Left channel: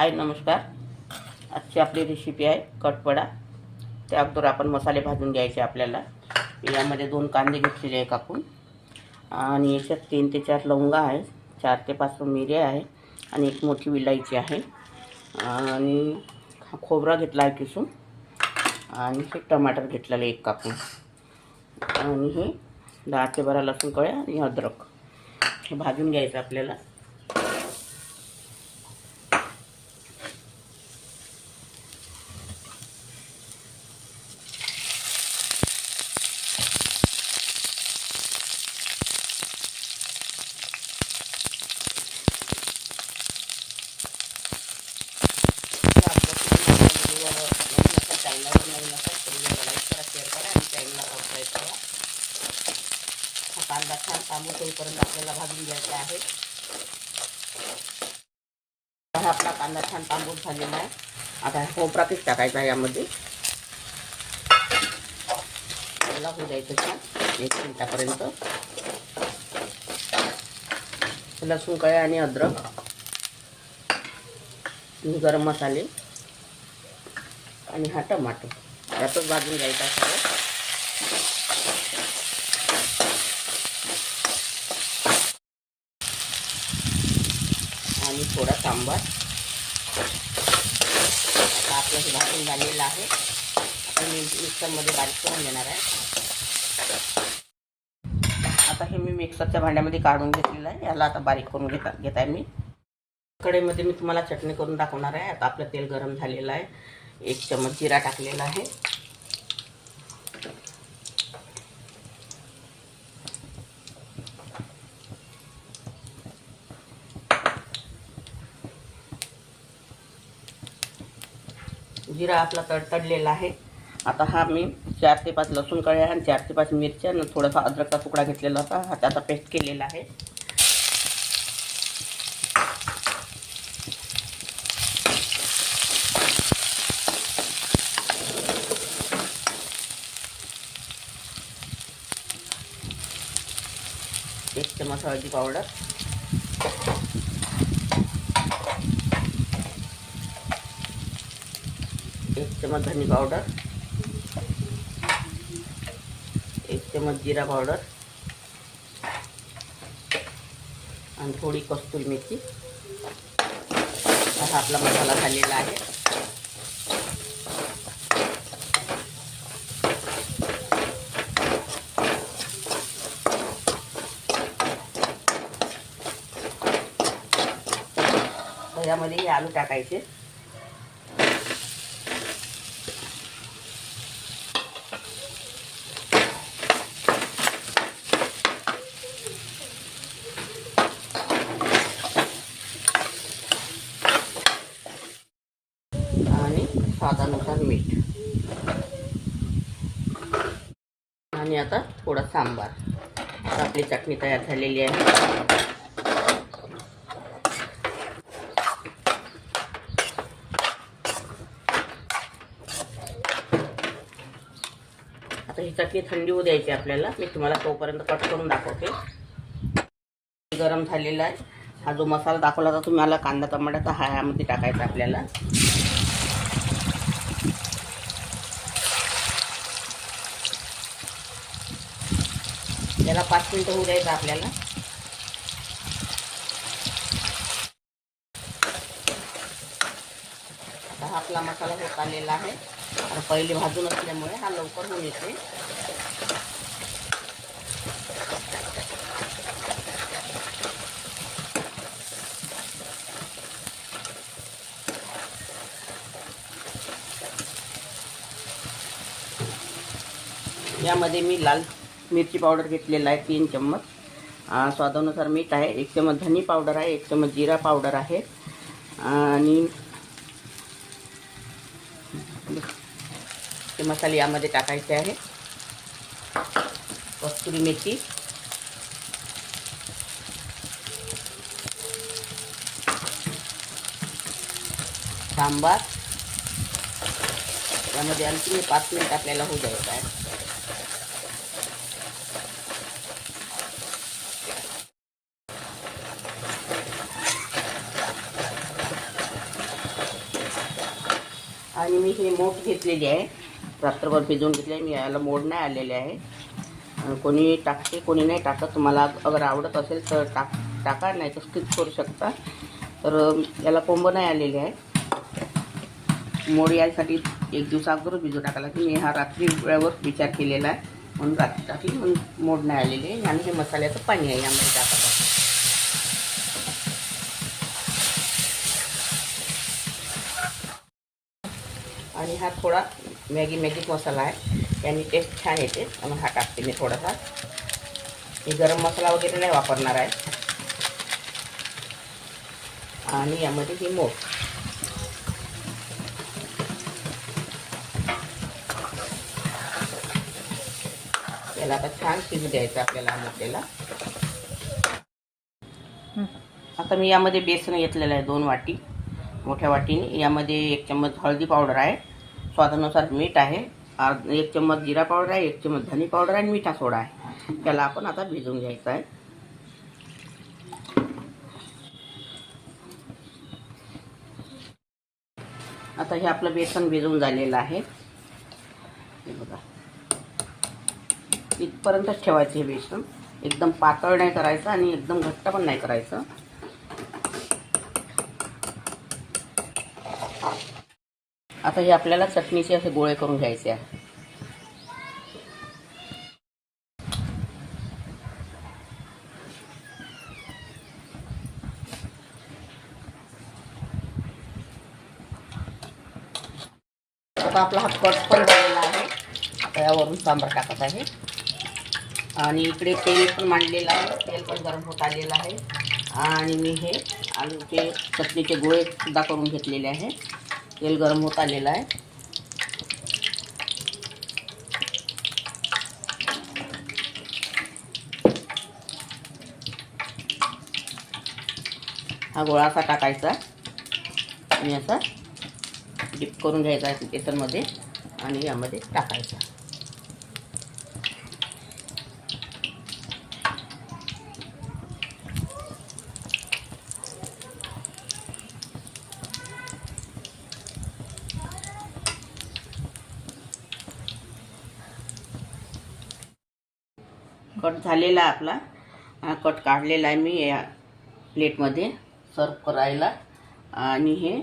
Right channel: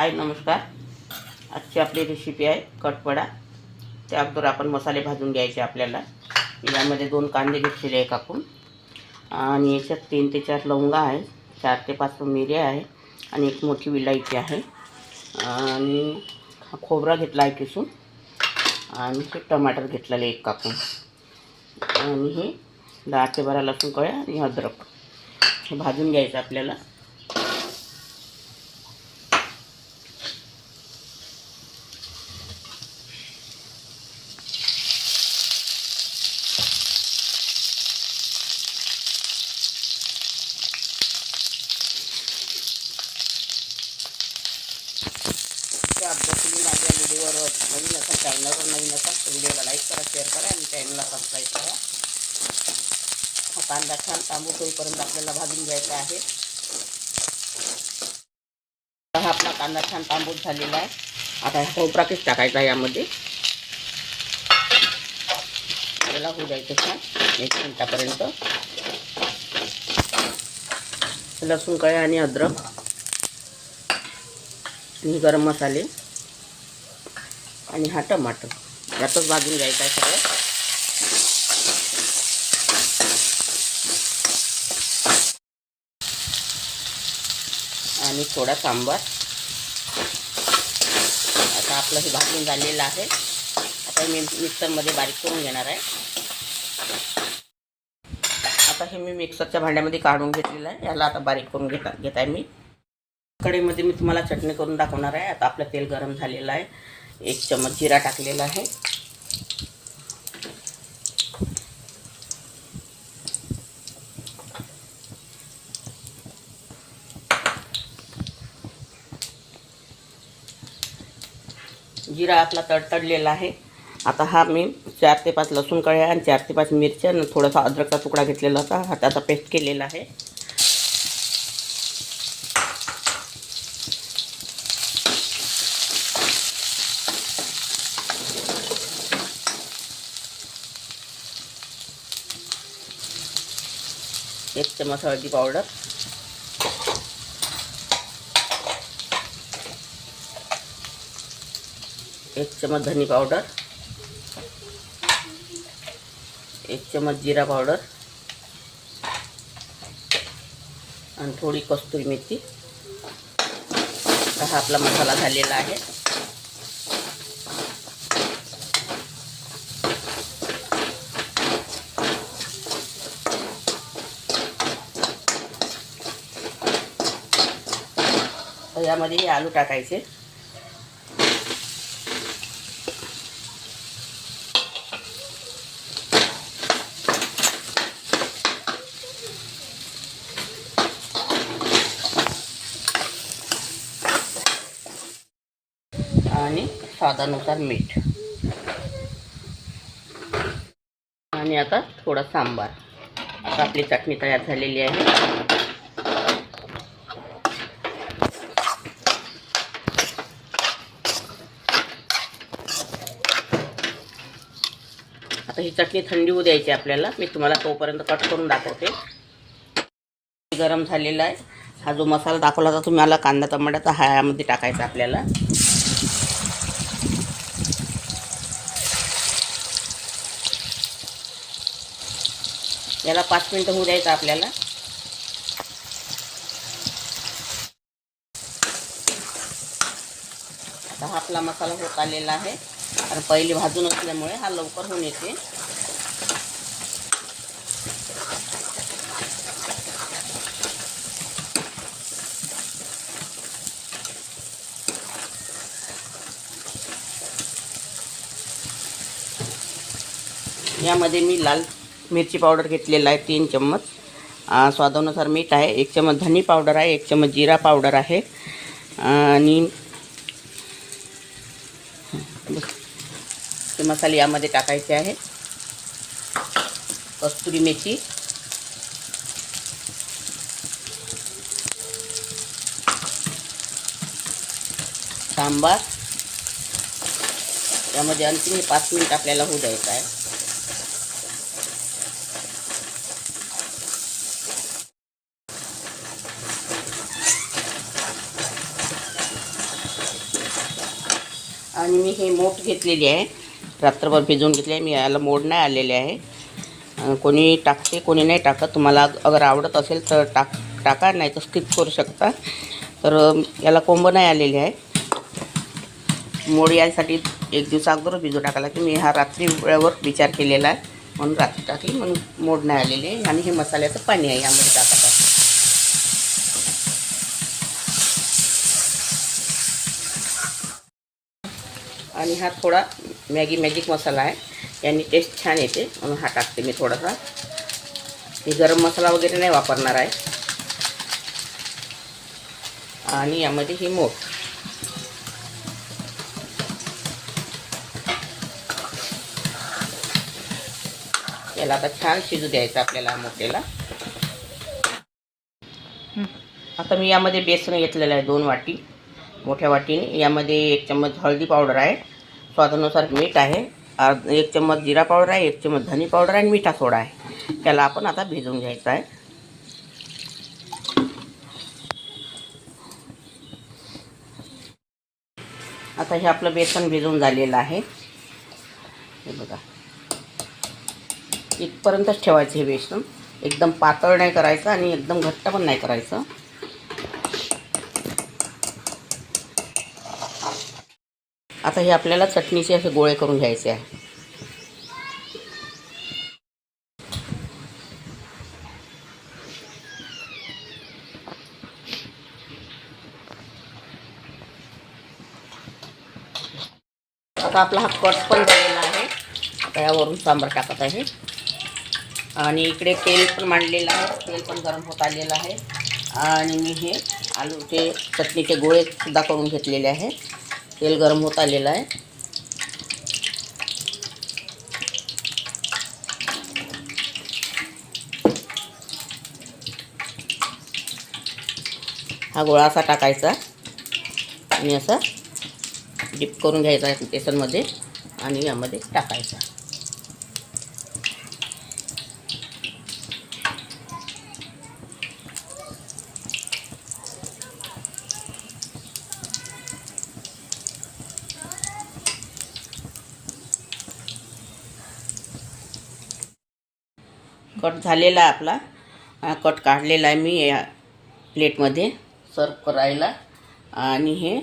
हाय नमस्कार. आजची आपली रेसिपी आहे कटपडा त्या अगोदर आपण मसाले भाजून घ्यायचे आपल्याला. यामध्ये दोन कांदे घेतलेले आहे कापून आणि याच्यात तीन ते चार लवंगा आहे चार ते पाच मिऱ्या आहे. आणि एक मोठी विलायची आहे. आणि खोबरा घेतला आहे किसून. आणि हे टमाटर घेतलेले एक कापून. आणि हे दहा ते बारा लसूण कळ्या आणि अद्रक. हे भाजून घ्यायचं आपल्याला ते आपल्या तुम्ही आपल्या व्हिडिओवर नवीन असाल चॅनलवर नवीन असाल तर व्हिडिओला लाईक करा शेअर करा आणि चॅनलला सबस्क्राईब करा हा कांदा छान तांबू होईपर्यंत आपल्याला भाजून घ्यायचा आहे हा आपला कांदा छान तांबूस झालेला आहे आता हा टोपराकीच टाकायचा आहे यामध्ये आपल्याला होऊ द्यायचं छान एक मिनटापर्यंत लसूण कळ्या आणि अद्रक. गरम मसाले. आणि हा टमाटर. यातच भाजून घ्यायचा आहे सगळं आणि थोडा सांबार. आता आपलं हे भाजून झालेलं आहे. आता मी मिक्सरमध्ये बारीक करून घेणार आहे. आता हे मी मिक्सरच्या भांड्यामध्ये काढून घेतलेलं आहे. याला आता बारीक करून घेता घेत आहे मी. कढईमध्ये मी तुम्हाला चटणी करून दाखवणार आहे. आता आपलं तेल गरम झालेलं आहे. एक चमच जिरा टाकलेला आहे. जिरा आपला तडतडलेला आहे. आता हा मी चार ते पाच लसूण कळ्या आणि चार ते पाच मिरच्या आणि थोडासा अद्रकचा तुकडा घेतलेला होता. हा त्याचा पेस्ट केलेला आहे. एक चमच हळदी पावडर. एक चमच धनी पावडर. एक चमच जिरा पावडर. आणि थोडी कस्तुरी मेथी. हा आपला मसाला झालेला आहे. आता यामध्ये हे आलू टाकायचे. आणि स्वादानुसार मीठ. आणि आता थोडा सांबार. आता आपली चटणी तयार झालेली आहे. आता ही चटणी थंडी होऊ द्यायची आपल्याला. मी तुम्हाला तोपर्यंत कट करून दाखवते. गरम झालेला आहे. हा जो मसाला दाखवला होता तुम्हाला कांदा टमाट्याचा हा यामध्ये टाकायचा आपल्याला. याला पाच मिनटं होऊ द्यायचं आपल्याला. हा आपला मसाला होत आलेला आहे. आणि पहिले भाजून असल्यामुळे हा लवकर होऊन येते. यामध्ये मी लाल मिरची पावडर घेतलेला आहे तीन चम्मच. स्वादानुसार मीठ आहे एक चम्मच धनी पावडर आहे एक चम्मच जिरा पावडर आहे. आणि ते मसाले यामध्ये टाकायचे आहे कस्तुरी मेथी. सांबार. यामध्ये आणखी पाच मिनिट आपल्याला होऊ द्यायचं आहे. आणि मी हे मोठ घेतलेली आहे. रात्रभर भिजवून घेतले आहे. मी याला मोड नाही आलेले आहे. कोणी टाकते कोणी नाही टाकत. तुम्हाला अगर आवडत असेल तर टाक टाका नाही तर स्किप करू शकता. तर याला कोंब नाही आलेले आहे. मोड यासाठी एक दिवस अगोदर भिजू टाकायला की मी हा रात्री वेळेवर विचार केलेला आहे. म्हणून रात्री टाकली म्हणून मोड नाही आलेले आहे. आणि हे मसाल्याचं पाणी आहे यामध्ये टाकत आहे आणि हा थोडा मॅगी मॅजिक मसाला आहे. याने टेस्ट छान येते. म्हणून हा टाकते मी थोडासा. हे गरम मसाला वगैरे नाही वापरणार आहे. आणि यामध्ये ही मोठ. याला आता छान शिजू द्यायचं आपल्याला मोठेला आता मी यामध्ये बेसन घेतलेलं आहे दोन वाटी मोठ्या वाटीने. यामध्ये एक चम्मच हळदी पावडर आहे. स्वादानुसार मीठ आहे. अर्ध एक चम्मच जिरा पावडर आहे एक चम्मच धनी पावडर आहे आणि मिठा सोडा आहे. त्याला आपण आता भिजवून घ्यायचं आहे. आता हे आपलं बेसन भिजवून झालेलं आहे. हे बघा. इथपर्यंतच ठेवायचं हे बेसन. एकदम पातळ नाही करायचं आणि एकदम घट्ट पण नाही करायचं. आता हे आपल्याला चटणीचे असे गोळे करून घ्यायचे आहे. आता आपला हा कट पण झालेला आहे. आता यावरून सांबार टाकत आहे. आणि इकडे तेल पण मांडलेलं आहे. तेल पण गरम होत आलेलं आहे. आणि मी हे आलूचे चटणीचे गोळे सुद्धा करून घेतलेले आहे. तेल गरम होत आलेलं आहे. हा गोळा असा टाकायचा. आणि असा डिप करून घ्यायचा बेसनमध्ये आणि यामध्ये टाकायचा. कट झालेला आहे आपला. कट काढलेला आहे मी या प्लेटमध्ये सर्व करायला. आणि हे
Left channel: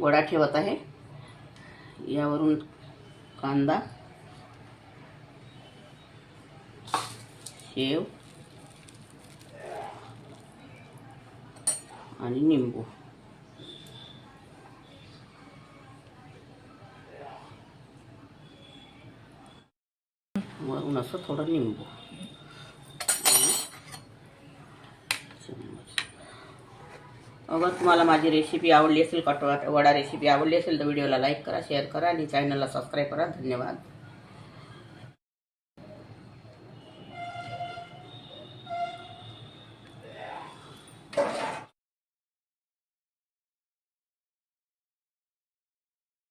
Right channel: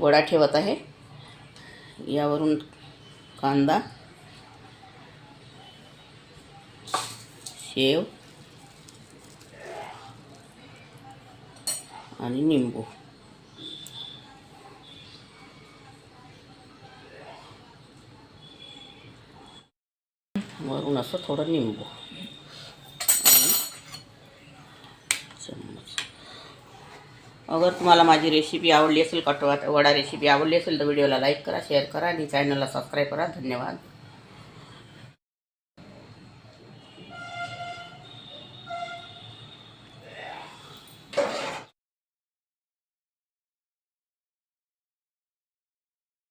वडा ठेवत आहे. यावरून कांदा शेव आणि निंबू. वरून असं थोडं निंबू. अगर तुम्हाला माझी रेसिपी आवडली असेल कटवा वडा रेसिपी आवडली असेल तर व्हिडिओला लाईक करा शेअर करा आणि चॅनलला सबस्क्राईब करा. धन्यवाद.